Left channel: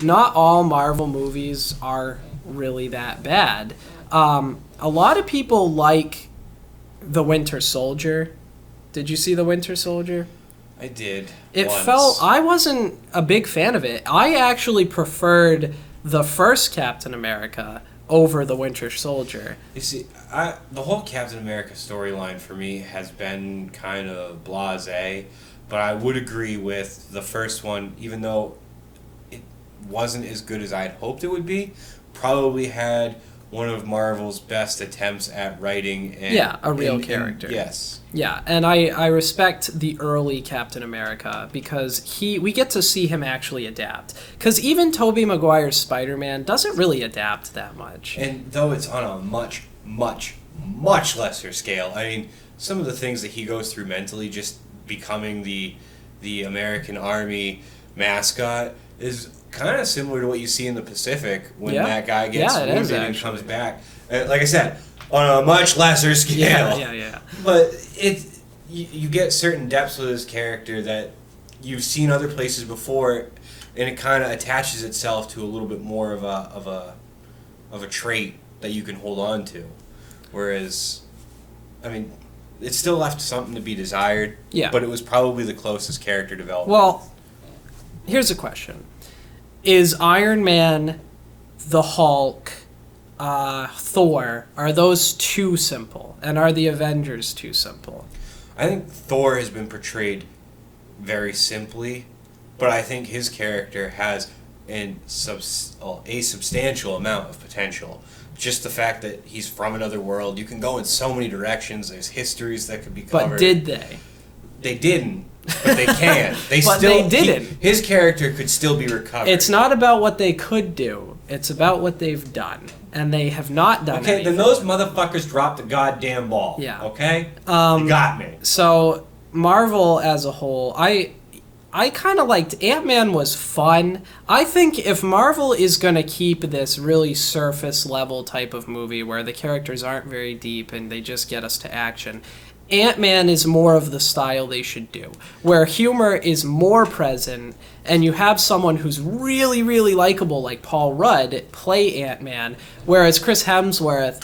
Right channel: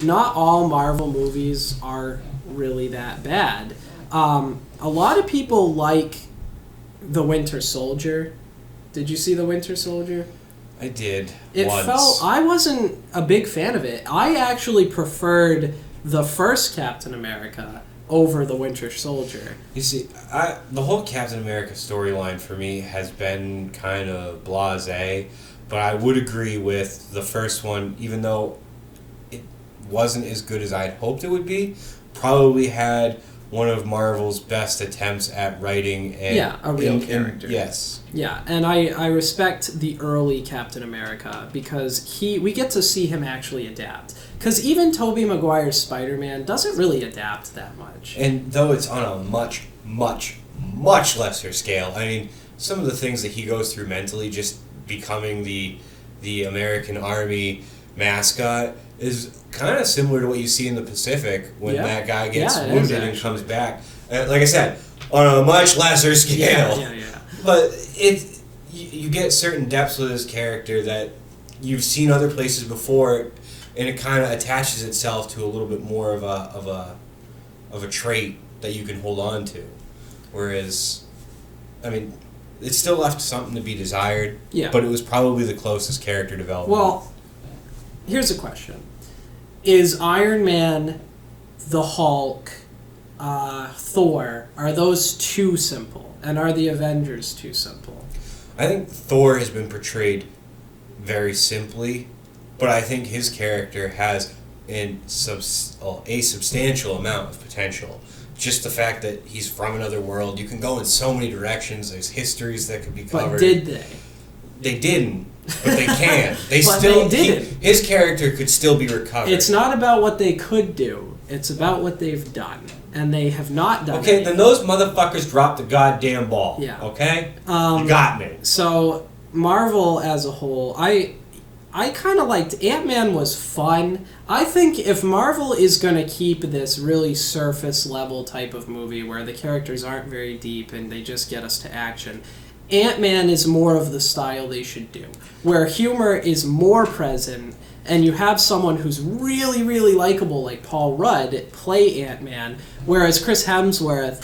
not all Marvel movies are really that bad. A lot of people like The Winter Soldier. Did you see The Winter Soldier? I did. It once. felt... I wasn't a big fan of it. I actually preferred the first Captain America over The Winter Soldier. You see, the whole Captain America storyline for me has been kind of blasé, but I would agree with the first one, even though it wasn't as good as I'd hoped it would be, probably had one of Marvel's best attempts at writing a real character. Yes. Yeah, and I respect the early Captain America because we get to see him actually adapt. Because even Tobey Maguire's Spider-Man doesn't really adapt that much. And though it's on a much, much, much lesser scale, I mean, some of the things that he goes through mentally, just becoming the American Army mascot, is kind of similar to what you see in the Pacific when that guy gets wounded and comes back. And like I said, on a much lesser scale. Yeah. But you get certain depths with this character that you've seen other places before, and it kind of attaches itself to a little bit more of a trait that you can hold on to. Whereas, I mean, it still left something to be desired. Yeah. But it was probably the closest character development. Well, here's a question: is Iron Man, the Hulk, Thor, are those too simple? And are the Avengers too simple? I think Thor has been portrayed very simply, but I think his character has a substantial amount of potential. Just the fact that he's from another world, you can go in so many directions. There's histories that could be covered. But did they? They didn't, but they can. They didn't. His character could still be recovered. It's not about what they could do. It's about what they've done. And they have not done anything. Okay, then those motherfuckers dropped the goddamn ball. Yeah. Okay? You got me. So, Marvel as a whole, I kind of liked... Ant-Man was fun. I think if Marvel is going to keep this really surface-level type of movie where the characters aren't very deep and they just get us to action, Ant-Man is more of the style they should do, where humor is more present, and you have someone who's really, really likable, like Paul Rudd, play Ant-Man, whereas Chris Hemsworth,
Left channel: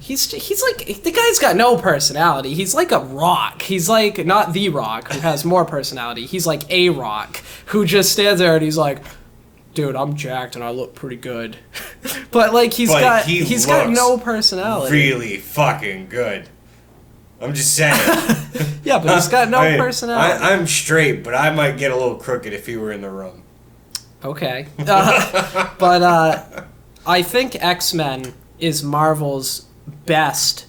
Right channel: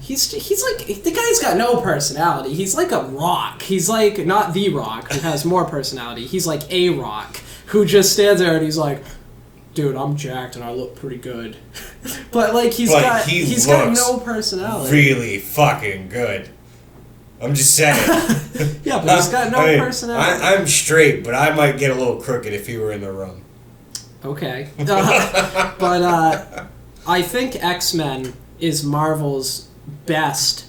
he's like, the guy's got no personality. He's like a rock. He's like, not The Rock, who has more personality. He's like a rock, who just stands there and he's like, dude, I'm jacked and I look pretty good. But like, he's got no personality. Really fucking good. I'm just saying. Yeah, but he's got no personality. I'm straight, but I might get a little crooked if he were in the room. Okay. But I think X-Men is Marvel's best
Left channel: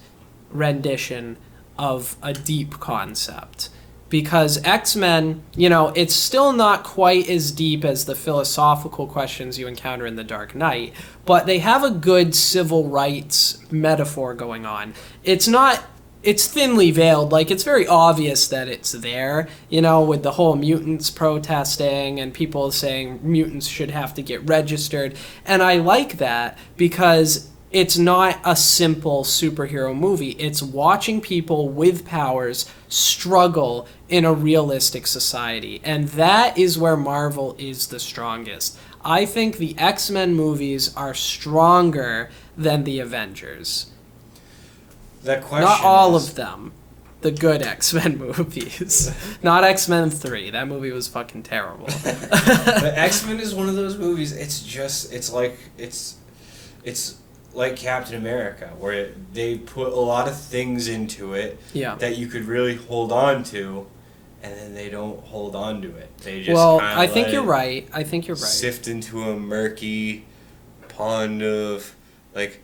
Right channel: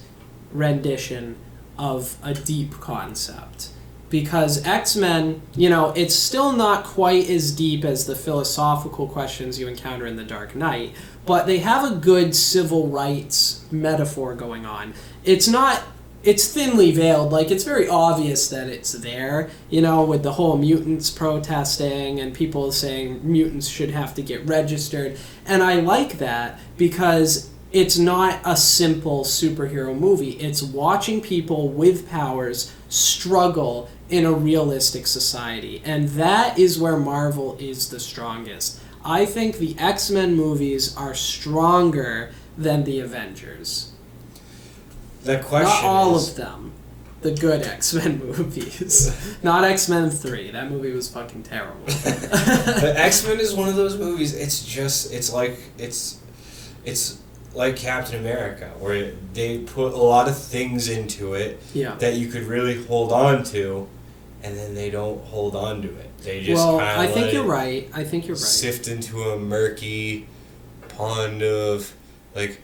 rendition of a deep concept. Because X-Men, it's still not quite as deep as the philosophical questions you encounter in The Dark Knight, but they have a good civil rights metaphor going on. It's thinly veiled. Like, it's very obvious that it's there, with the whole mutants protesting and people saying mutants should have to get registered. And I like that because it's not a simple superhero movie. It's watching people with powers struggle in a realistic society. And that is where Marvel is the strongest. I think the X-Men movies are stronger than the Avengers. Not all of them. The good X-Men movies. Not X-Men 3. That movie was fucking terrible. But X-Men is one of those movies, it's like Captain America, where they put a lot of things into it that you could really hold on to, and then they don't hold on to it. They just I think you're right. Sift into a murky pond of, like,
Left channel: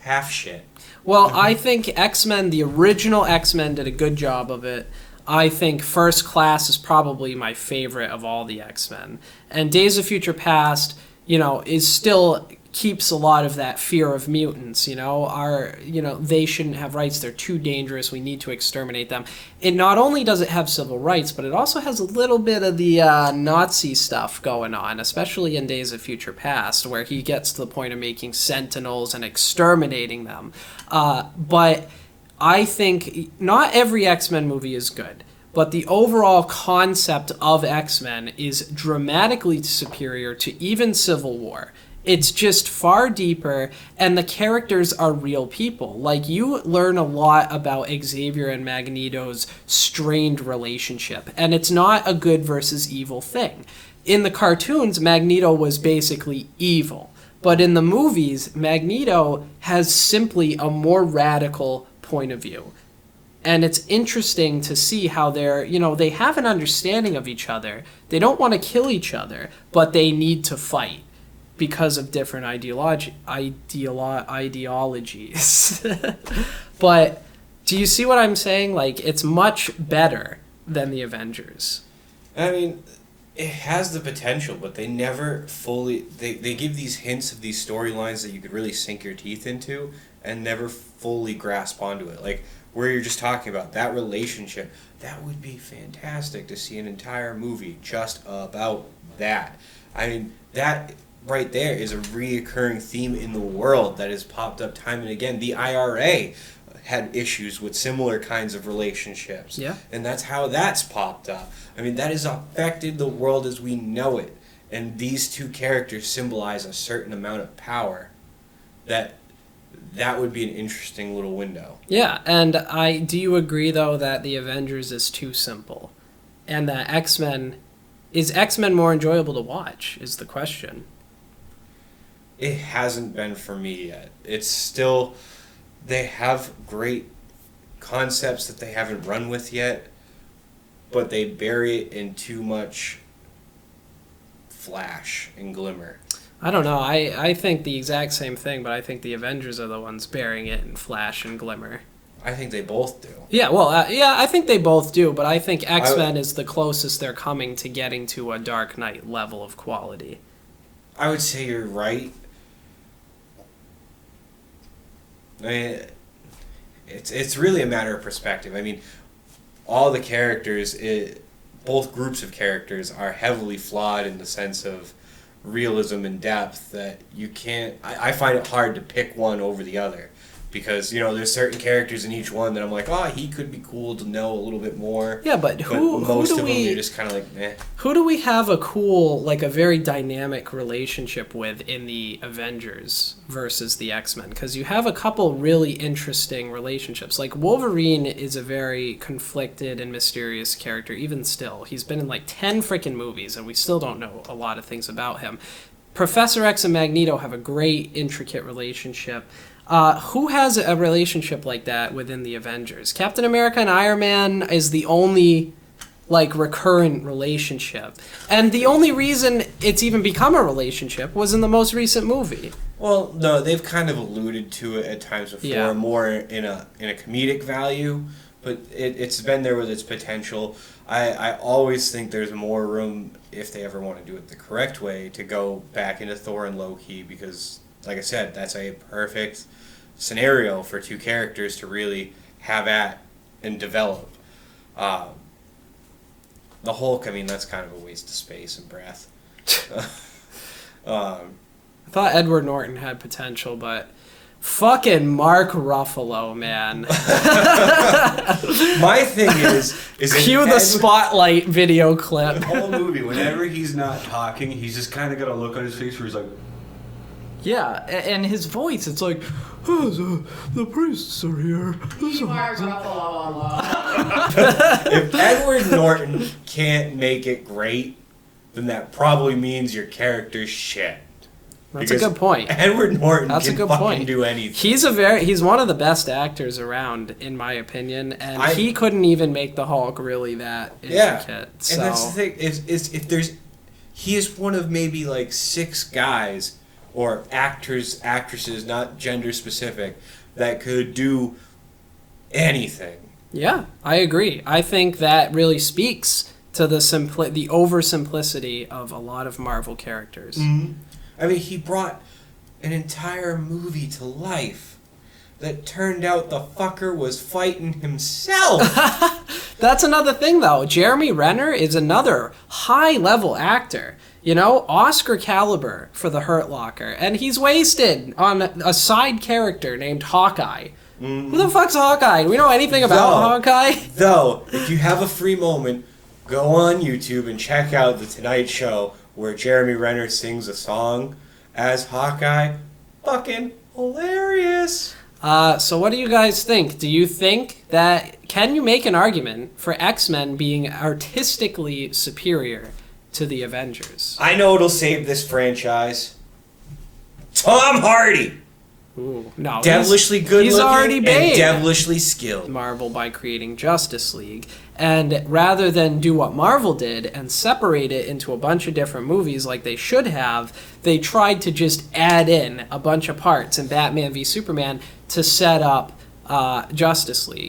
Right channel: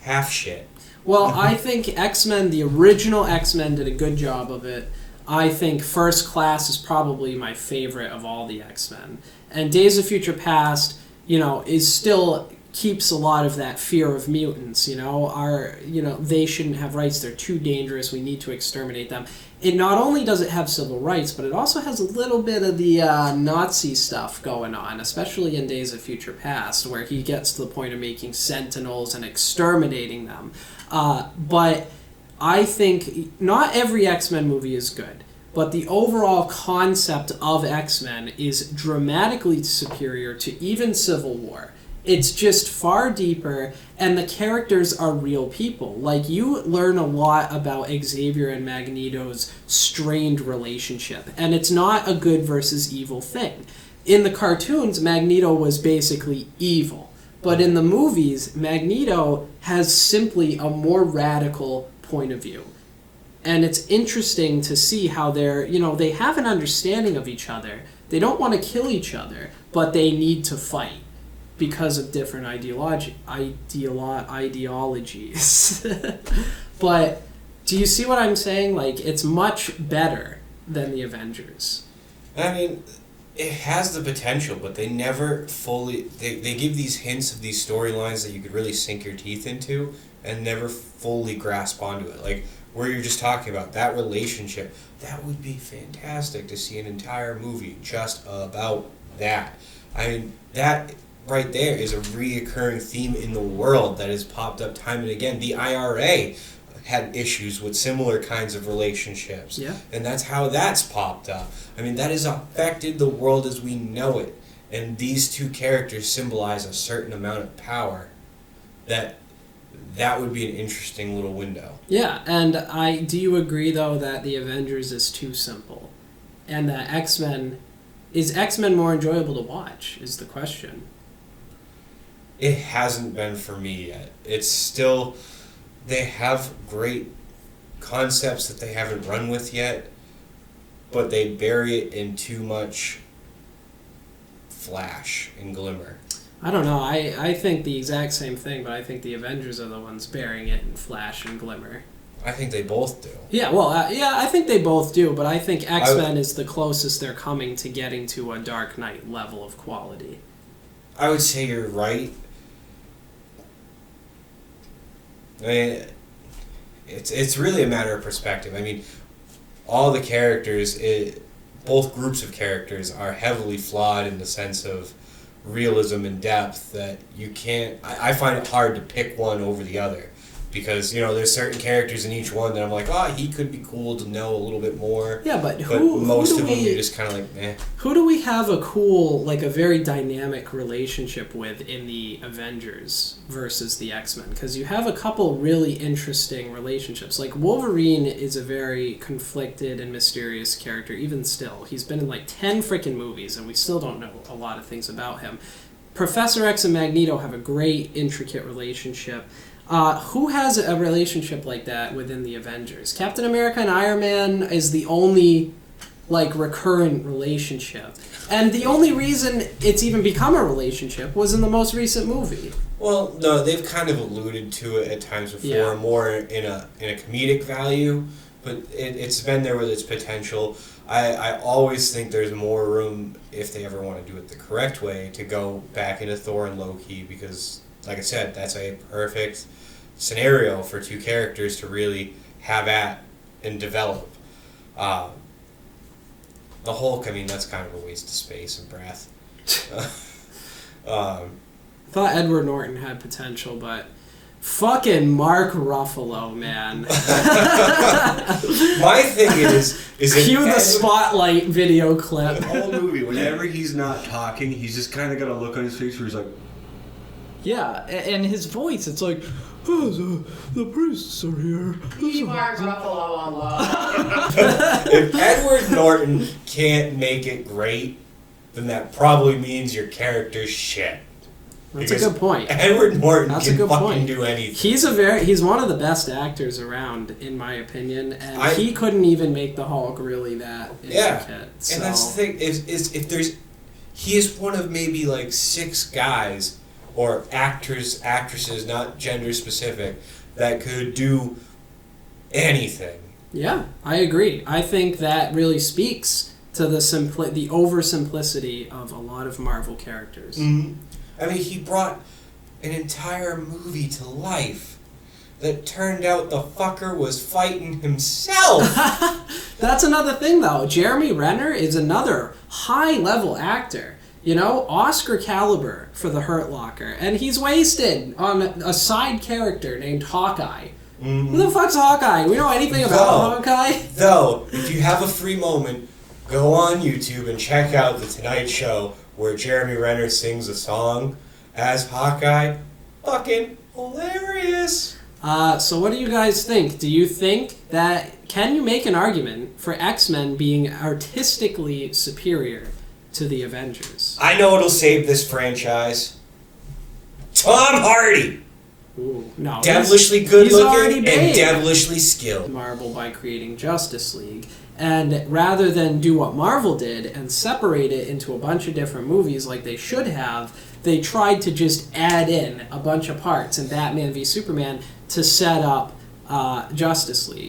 half shit. Well, I think X-Men, the original X-Men, did a good job of it. I think First Class is probably my favorite of all the X-Men. And Days of Future Past, is still keeps a lot of that fear of mutants, they shouldn't have rights, they're too dangerous, we need to exterminate them. It not only does it have civil rights, but it also has a little bit of the Nazi stuff going on, especially in Days of Future Past, where he gets to the point of making sentinels and exterminating them. But I think not every X-Men movie is good. but the overall concept of X-Men is dramatically superior to even Civil War. It's just far deeper, and the characters are real people. Like, you learn a lot about Xavier and Magneto's strained relationship, and it's not a good versus evil thing. In the cartoons, Magneto was basically evil, but in the movies, Magneto has simply a more radical point of view. And it's interesting to see how they have an understanding of each other. They don't want to kill each other, but they need to fight because of different ideologies. But do you see what I'm saying? Like, it's much better than the Avengers. I mean, it has the potential, but they never fully... They give these hints of these storylines that you could really sink your teeth into and never fully grasp onto it. Like, where you're just talking about, that relationship, that would be fantastic to see an entire movie just about that. I mean, that right there is a reoccurring theme in the world that has popped up time and again. The IRA had issues with similar kinds of relationships. Yeah. And that's how that's popped up. I mean, that has affected the world as we know it. And these two characters symbolize a certain amount of power that would be an interesting little window. Yeah, and do you agree, though, that the Avengers is too simple? And that is X-Men more enjoyable to watch, is the question. It hasn't been for me yet. It's still, they have great concepts that they haven't run with yet, but they bury it in too much flash and glimmer. I don't know. I think the exact same thing, but I think the Avengers are the ones burying it in flash and glimmer. I think they both do. Yeah, well, I think they both do, but I think X-Men is the closest they're coming to getting to a Dark Knight level of quality. I would say you're right. I mean, it's really a matter of perspective. I mean, all the characters, both groups of characters are heavily flawed in the sense of realism and depth that you can't... I find it hard to pick one over the other. Because, there's certain characters in each one that I'm like, he could be cool to know a little bit more. Yeah, but who do we... Just kind of like, eh. Who do we have a cool, like a very dynamic relationship with in the Avengers versus the X-Men? Because you have a couple really interesting relationships. Like, Wolverine is a very conflicted and mysterious character, even still. He's been in like 10 freaking movies, and we still don't know a lot of things about him. Professor X and Magneto have a great, intricate relationship. Who has a relationship like that within the Avengers? Captain America and Iron Man is the only, recurrent relationship. And the only reason it's even become a relationship was in the most recent movie. Well, no, they've kind of alluded to it at times before, more in a comedic value, but it's been there with its potential. I always think there's more room, if they ever want to do it the correct way, to go back into Thor and Loki, because, like I said, that's a perfect scenario for two characters to really have at and develop. The Hulk, that's kind of a waste of space and breath. I thought Edward Norton had potential, but fucking Mark Ruffalo, man. My thing is cue the spotlight video clip. The whole movie, whenever he's not talking, he's just kind of got a look on his face where he's like, yeah, and his voice, it's like, the priests are here. Mark Ruffalo. If Edward Norton can't make it great, then that probably means your character's shit. That's a good point. Edward Norton That's can a good point. Do anything. He's one of the best actors around, in my opinion, and he couldn't even make the Hulk really that intricate. Yeah. So. And that's the thing, he is one of maybe 6 guys or actresses, not gender specific, that could do anything. Yeah, I agree. I think that really speaks to the oversimplicity of a lot of Marvel characters. Mm-hmm. He brought an entire movie to life that turned out the fucker was fighting himself. That's another thing, though. Jeremy Renner is another high-level actor. Oscar caliber for The Hurt Locker. And he's wasted on a side character named Hawkeye, Who the fuck's Hawkeye? Do we know anything about No. Hawkeye? Though, if you have a free moment, go on YouTube and check out The Tonight Show where Jeremy Renner sings a song as Hawkeye. Fucking hilarious. So what do you guys think? Do you think that... Can you make an argument for X-Men being artistically superior to the Avengers? I know what'll save this franchise. Tom Hardy! Ooh, no. Devilishly good He's looking already and made devilishly skilled. Marvel by creating Justice League. And rather than do what Marvel did and separate it into a bunch of different movies like they should have, they tried to just add in a bunch of parts in Batman v Superman to set up Justice League.